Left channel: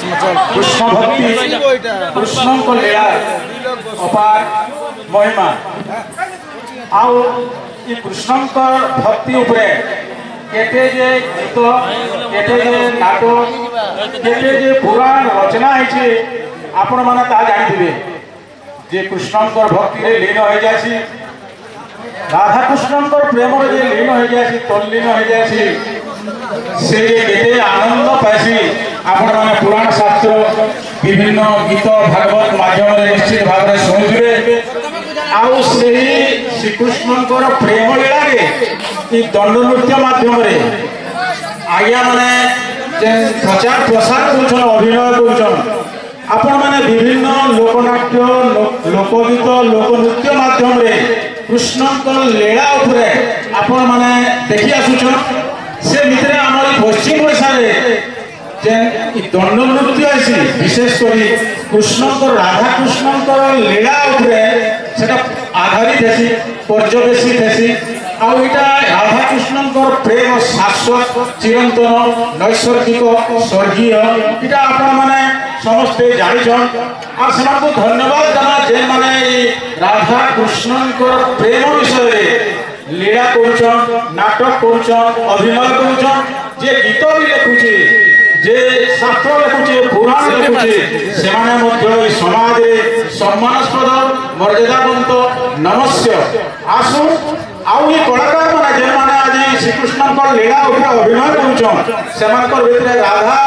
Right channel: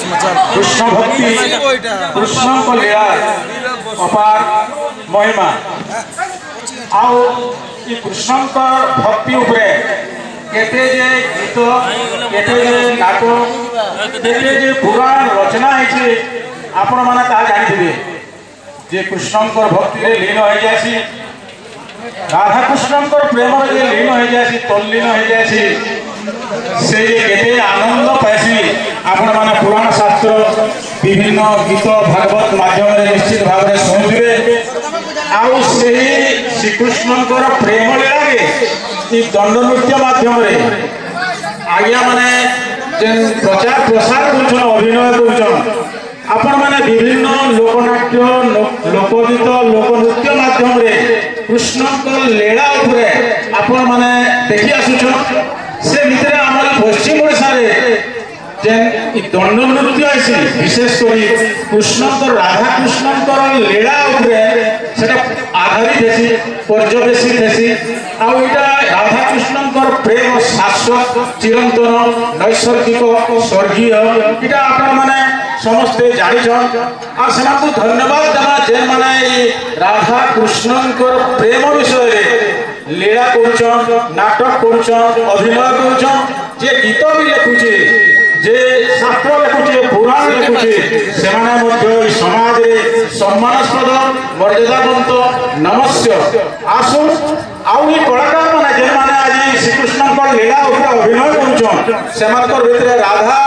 कृष्ण भक्ति कृष्ण को लीला अपार महिमा आउ कृष्ण भक्ति उपरे केते जे गीत केते जे नाटक केते जे पुराण रचना है आपण माने ता जानिथिबे जे कृष्ण भक्ति रे लीन हो जासी राधा कृष्ण प्रेम रे लीन हो जासी तल्लीन हो जासी से केते आनंद पासी आपण माने पुराण शास्त्र विभिन्न गीत भागवत माध्यम रे निश्चित भाव रे सुनिबे आउ से श्रीकृष्ण प्रेम लीला रे दंड नृत्य माध्यम रे आज्ञा माने प्रचार प्रसार कर अभिनय कर आपण माने विभिन्न लोकनाट्य लोकगीत लोकनृत्य माध्यम रे कृष्ण लीला उपरे आपण माने देखि आसुछ से भितर हमर पश्चिम ओडिसा रे जे दंड नृत्य आसी विशेष करी कृष्ण राधा कृष्ण लीला उपरे सेटा आधारित हेसी पर्यवेक्षित हेसी आ इटा राधा कृष्ण प्रेम शाश्वत चिरंतन नैसर्गिक स्वर्गीय इटा आपण माने समस्ते जानिछन आ सेमानकु धन्यवाद देना जे माने राधा कृष्ण प्रेम विषय लीला करुछन नाटक करुछन अभिनय करुछन जे गीत भी लिखुछे जे शास्त्र लिखुछे पुराण लिखुछे सेमाने मध्य समाज रे सम्मानस्पद मर्यादावंत नमस्य आसु आउ ये कलाकार माने जे माने आज श्रीकृष्ण लीला उपरे अभिनय करुछन सेमानकर भितरे राधा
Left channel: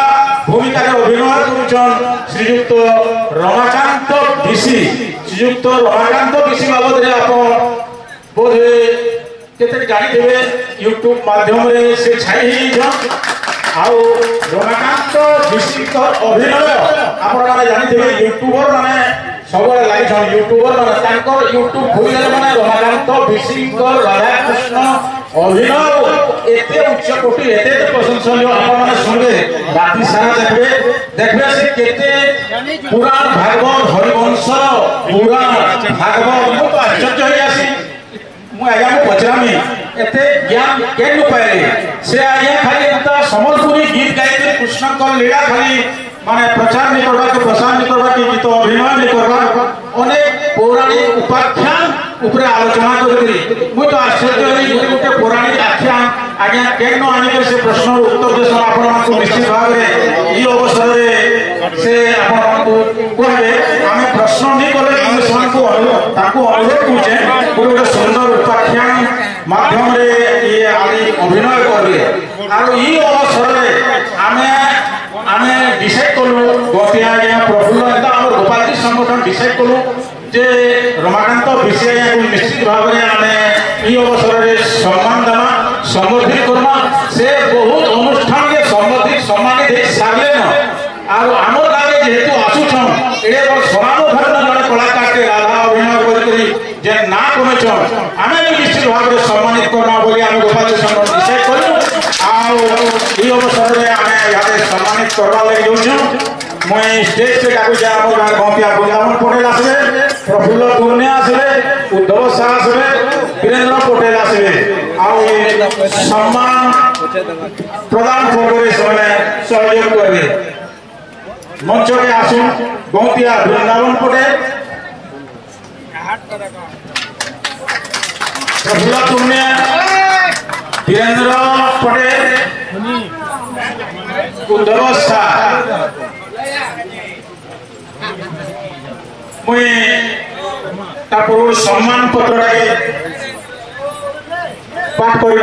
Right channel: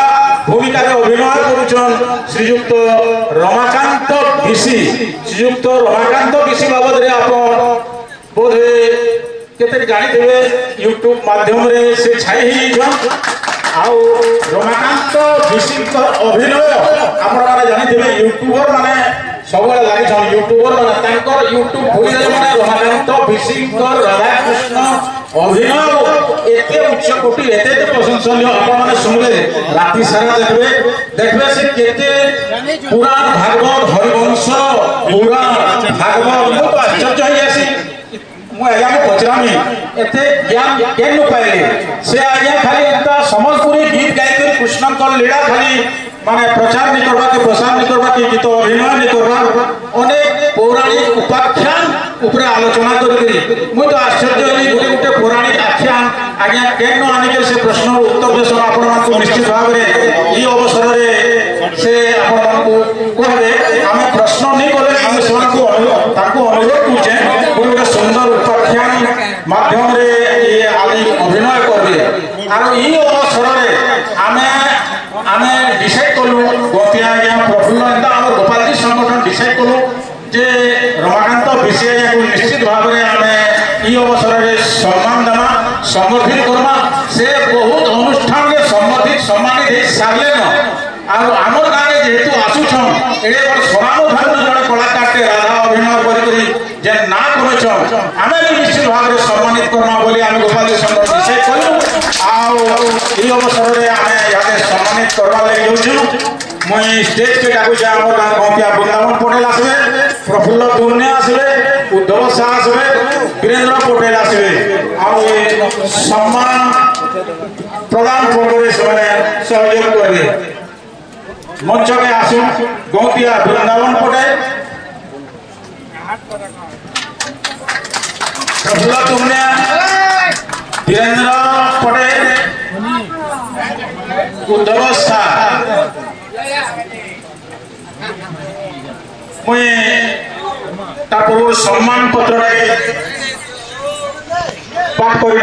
भूमिका अभिनय करुछन श्रीयुक्त रमाकांत भिसी श्रीयुक्त रमाकांत भिसी बाबद रे आपण बोधे केते जानिथिबे यूट्यूब माध्यम रे से छाई हिजन आउ रमाकांत भिसी अभिनय आपण माने जानिथिबे यूट्यूबर माने सबले लागि छन यूट्यूबर माने तांकर यूट्यूब भूमिका माने रमाकांत भिसी राधा कृष्ण अभिनय एते उच्च कोटि एते प्रशंसनीय आपण माने सुनले राति सारा देखबे से केते पुराण भागवत हरिवंश पुराण भागवत बहुत आश्चर्य होई आसी मु आया को पचरामी एते ज्ञान केन पाइले से आया खाली एता समलपुरी गीत गाइते कृष्ण को लीला खाली माने प्रचार नहीं करबा के प्रसार नहीं करबा के गीत अभिनय नहीं करबा अनेक पौराणिक उपाख्यान ऊपर आलोचना करी मु तो आश्चर्य होई गोटे पौराणिक आख्यान आज्ञा केन आनि के से प्रश्न उत्तर देश आपण को निश्चित भाव रे ई अवसर रे से आपण को कहबे हम प्रश्न नहीं करे हम समान को ताको अनुरोध पूछे गोटे सुंदर उपाख्यान माध्यम रे ये आदि अभिनय करबे आरो ई अवसर रे हमें डिसाइड कलु गोतिया प्रफुल्ल नेता और गोपाल जी संगठन डिसाइड कलु जे रमाकांत विषय निश्चित भाव में हमें ई अवसर रे सम्मान देना संबोधित करना से बहुत अनुष्ठान के संबोधित सम्मानित दे सारले न और हमर गाने जेतु आसुछन एडे पर सोनानो धर्म जड़े कलाकार के राधा अभिनय करी जे ना कमे छ हमें निश्चित भाव में सम्मानित करना बोली हम गोपाल जी संगठन डिसाइड करू आ ई अवसर रे हमें याने सम्मानित करना लागि जोछु मैं स्टेज पे डाकू जा हमर गान गंतिया बुलावन पटेल आसबे प्रफुल्ल दुर्ने आसबे उद्धव शाह आसबे वीरेंद्र पटेल आसबे आ सम्मान प्रदान करे से सहयोग करे मंच के आसु गंतिया वृंदावन पटेल प्रफुल्ल दुर्ने वीरेंद्र पटेल उद्धव शाह मुझे तापर सम्मान पत्र पाठ कर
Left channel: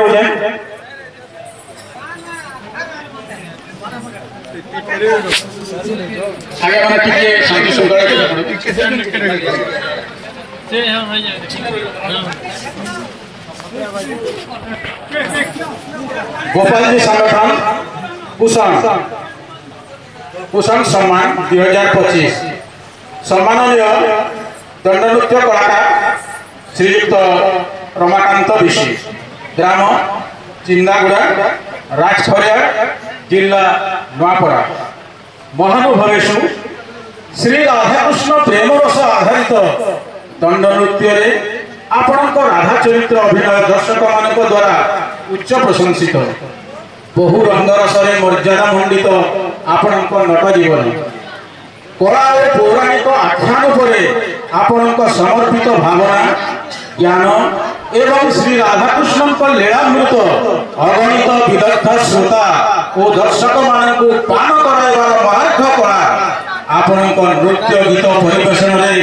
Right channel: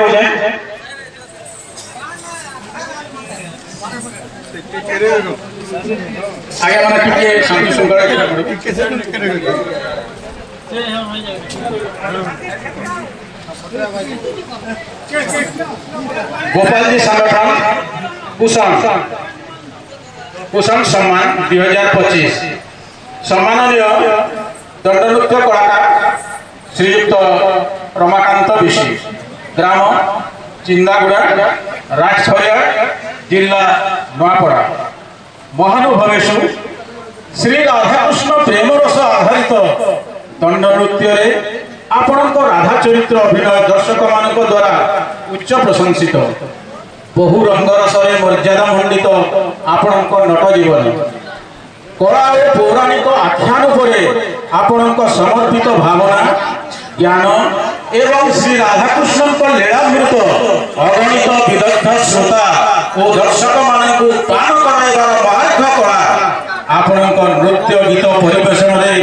आगे मैंने टिके शांति सुंदर गोपाल जी संगठन कुशल सम्मान 2025 सम्माननीय दंड नृत्य कलाकार श्रीयुक्त रमाकांत भिसी ग्राम चिंदागुड़ा राजखरिया जिला नुआपड़ा महानुभवेशु श्री राधाकृष्ण प्रेम रस आधारित दंड नृत्य आपण राधा चरित्र अभिनय दर्शक मान द्वारा उच्च प्रशंसित बहु रंगरसरे मर्यादा मंडित आपणक नट जीवन कला और पौराणिक आख्यान उपरे आपणक समर्पित भावना ज्ञान एवं श्री राधाकृष्ण लीलामृत अगणित विदग्ध श्रोता और दर्शक मानक पान कराइबार मार्ग कला आपणक नृत्य गीत परिवेशन में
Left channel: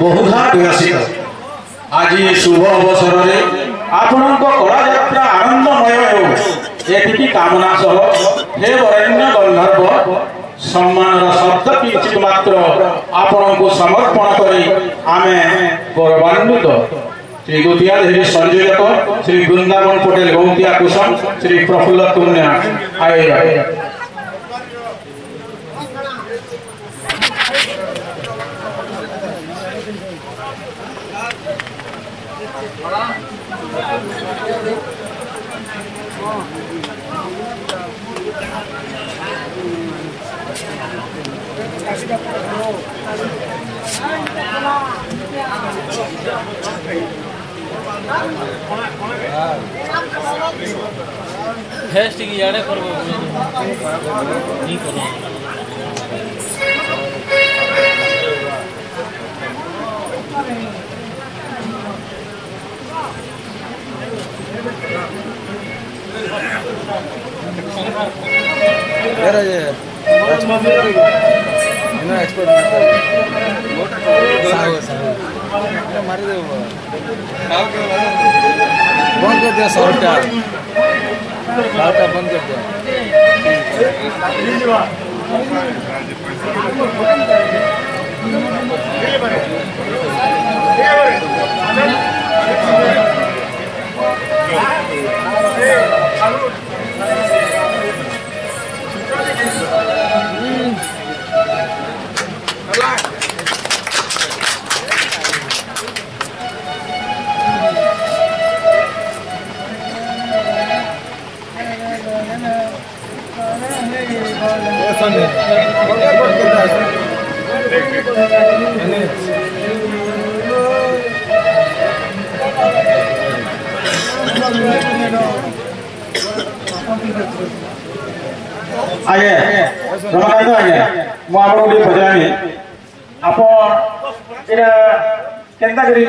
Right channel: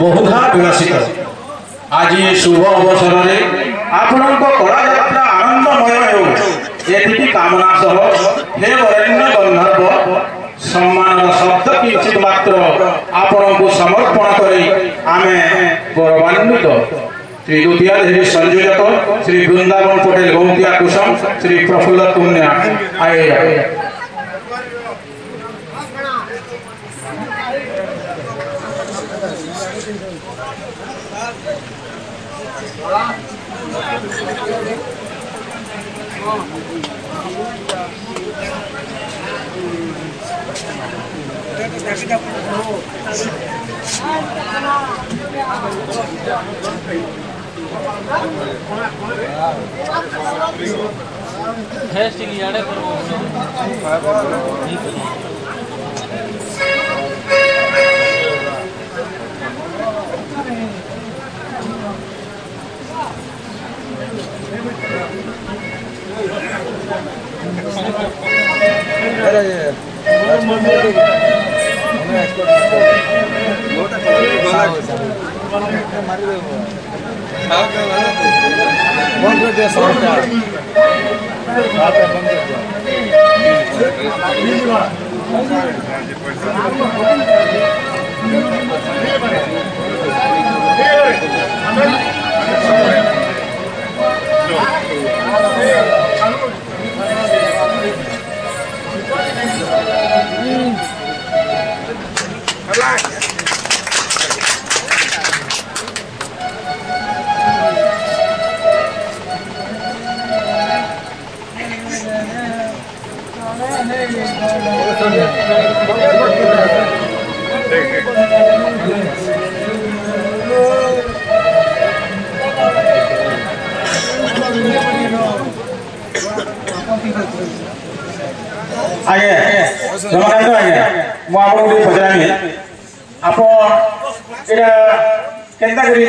बहुधा विलसित आज शुभ अवसर में आपणक कला यात्रा आनंदमय हो एति कामना सह हे वरेण्य गंधर्व सम्मान शब्द किंचित मात्र आपण को समर्पण करी आमे गौरवान्वित श्री द्वितीय देवी संयोजक श्री वृंदावन पटेल गौतिया कुसुम श्री प्रफुल्ल तुण्य आयोजक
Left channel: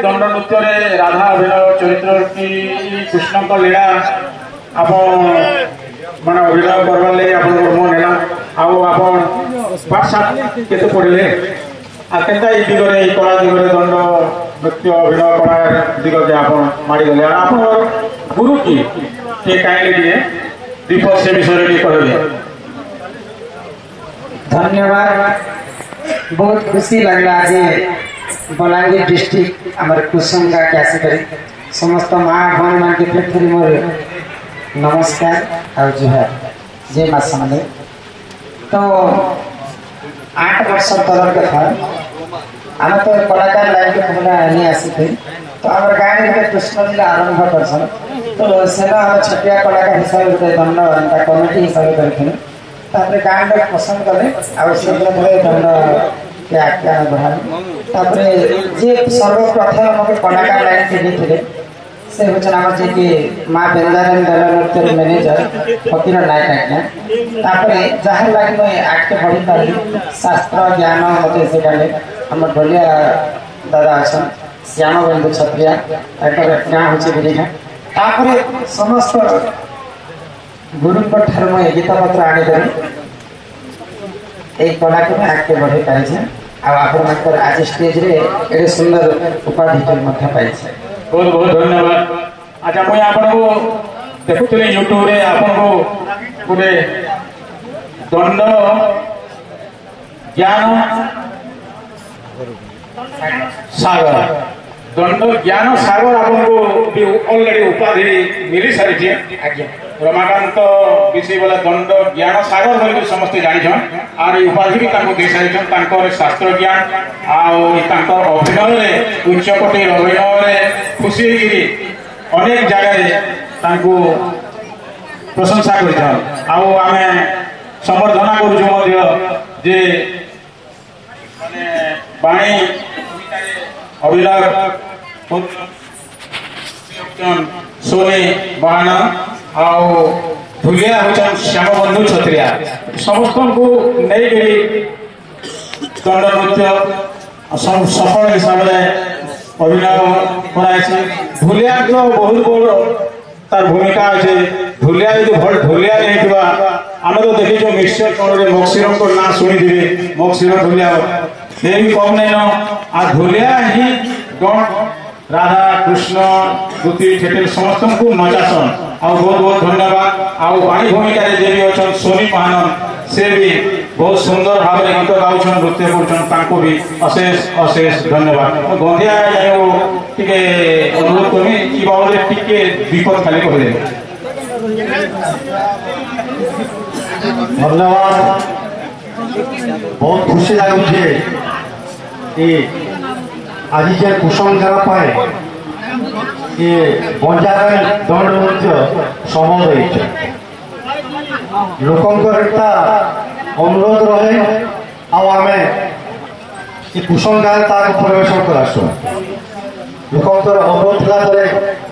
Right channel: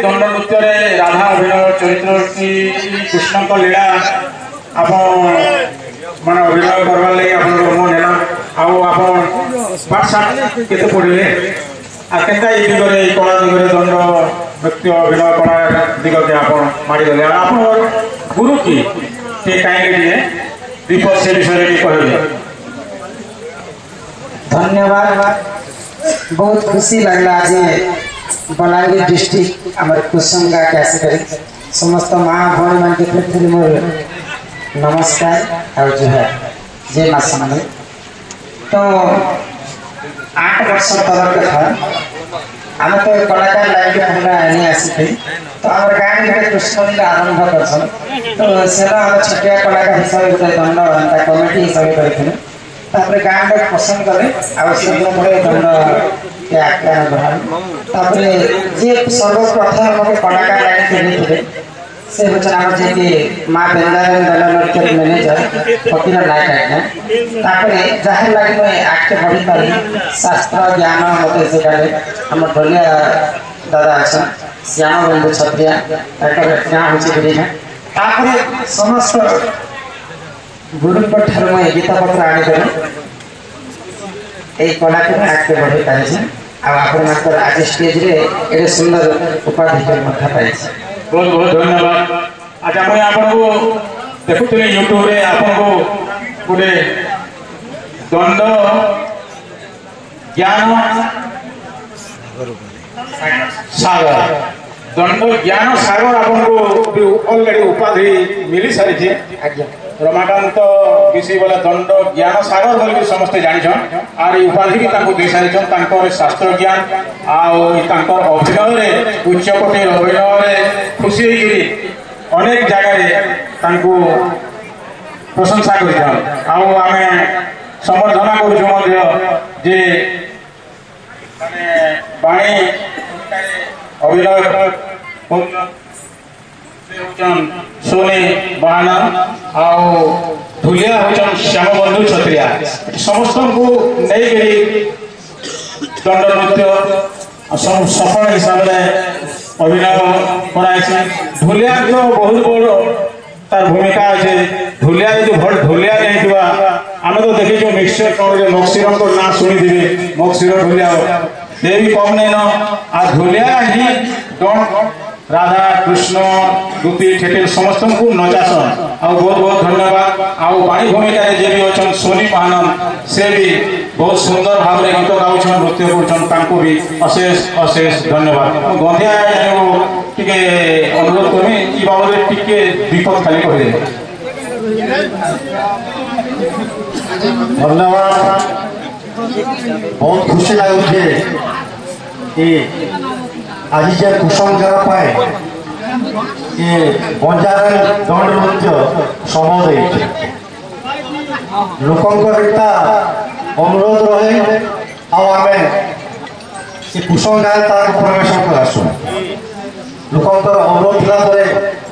दंड नृत्य राधा अभिनय चरित्र की कृष्ण का लीला आप मान अभिनय करवाले मन है केते पढ़े आकेता ये दिगरे कला दिगरे दंड नृत्य अभिनय कला दिगरे आप मारिगले आप गुरु की कहीं दीप से विषय कहले धन्यवाद बहुत खुशी लगला आज बलांगीर डिस्ट्रिक्ट आम कुसुम गाँव के आसिक समस्त माँ भौणी मान के फिर मोर नमस्कार और जुहार जय माँ समले तो 8 वर्ष तलर कथा आम तो कलाकार लाइन के पूरा नहीं आसी तो आम गाँव में कृष्ण लीला आरंभ कर तो से छटिया कलाकार हिसाब से दंड कमिटी हिसाब से गाँव में पसंद करें दंड के आख्यान ग्रहण जे सर्वप्रथम मत कलाकार लाइन के से होचे कि माँ बेंदारन दल नृत्य मैनेजर फकीर नायक आज्ञा जहाँ लगे मैं आगे बढ़ी पारि शास्त्र ज्ञान मत से हम ढोलिया दादा अच्छा श्याम बंधु छत्रिया हूँ समस्त गुरुंठ मुझे गीता पत्र आनीकर एक कला को आगे बढ़ी पाई आप आज स्टेज रे सुंदर उपाधि पाई बहुत बहुत धन्यवाद। अच्छा मुझे आपको देखुली यूट्यूब रे आपको गोटे दंड ज्ञान सागर दंड ज्ञान सागर आपको ऑलरेडी उपाधि मिल सारी आज्ञा रमाकांत विषय वाला दंड ज्ञान सागर बोली समस्ते जानिछन और उपाधि भी दे सारी शास्त्र ज्ञान अभिनय उच्चकोटि अभिनय खुशी अनेक जगह प्रशंसा करें समर्थना कर बाणी अभिनय सोनी बाण धुलिया होचन श्याम बंधु छत्रिया समस्त को नहीं दंड नृत्य सफल हिसाब से अभिनय कराई धुलिया जो बहुत बड़ तार भूमिका अच्छे धुलिया जो भल धुलिया नहीं आम तो देखी मिक्सचर कौन मक्सीर ना शुणी मक्सीर धुलिया से भी कम नहीं आ धुलिया ही राधा कृष्ण दुती ठेठी समस्त को नचासन आ बहुत बहुत धन्यवाद आउ बाणी भूमिका जे भी अच्छा सोनी महानंद से भी बहुत सुंदर भाव में गीत गाँव नृत्य कर भी अशेष अशेष धन्यवाद गंधिया टिके अनुरोध कमी कि बाबद टिके विपद खाली कह धन्यवाद बहुत खुशी लगुचे कि आज जे कुसुम गाँव पाए ये बंजार दंड नृत्य समय लोकता अनुरोध रहे आम कुसुम गाँव तार परिवेशन करासु लोकंर अनुरोध था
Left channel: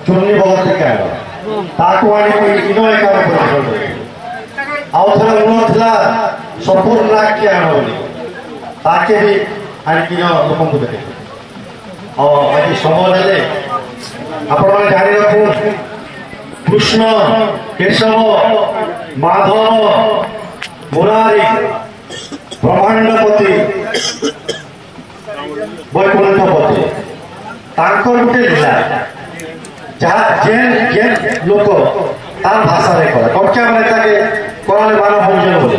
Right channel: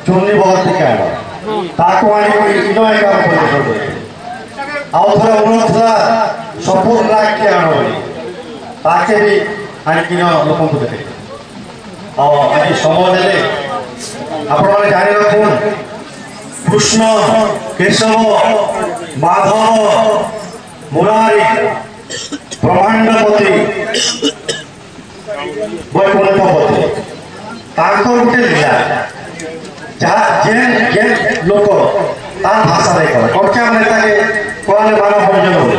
चुनी बहुत देखा ताकू आनिक काम आउ थे अनुरोध था संपूर्ण नाक के आण ताके भी आनिक लोक देखे आज समय देले आपण मैंने जारी रखुन कृष्ण केशव माधव मुरारी ब्रह्मांडपति वैकुंठपति तांकर गोटे लीला जहाँ जेन जेन लोक तार भाषा रे कहे कक्षा मैंने ताके कहले मानव भोजन बोली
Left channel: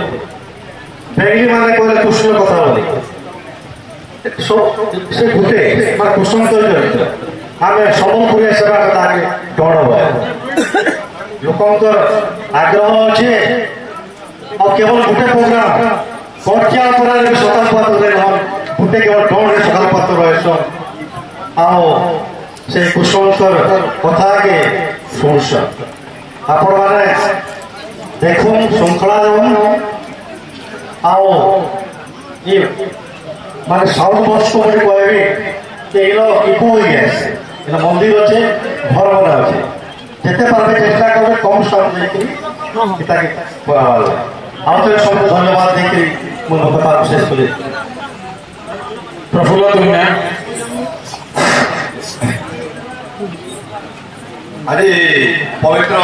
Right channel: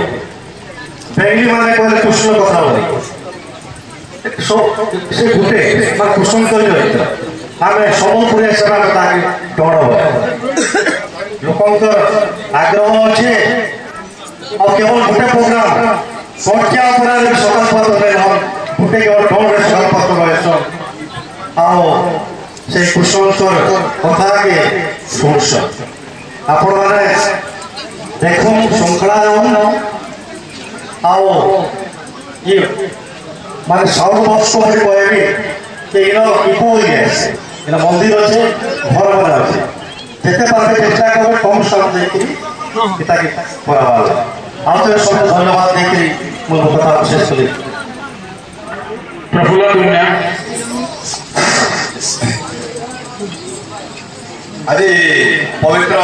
बेंगली माने कहले कृष्ण कथा बोली से गोटे कुसुम कर आम सम्बलपुर सेवा डर लोकंर आग्रह अच्छे और केवल गोटे प्रोग्राम पर्चा सकाल पात्र गोटे केवल डर सकाल पात्र रहे से कुसुमकर कथा के शुणस आपण मैंने देख श्रृंखला ये माने साउथ वर्ष को कहबी कि इको हो गया मंदिर अच्छे घर बना अच्छे जिते पारे चेष्टा करें कम स्टाफ देखिए आउ सब धन्यवाद देखिए मोर कथा शेष कर प्रफुल्ल दुनिया आज पवित्र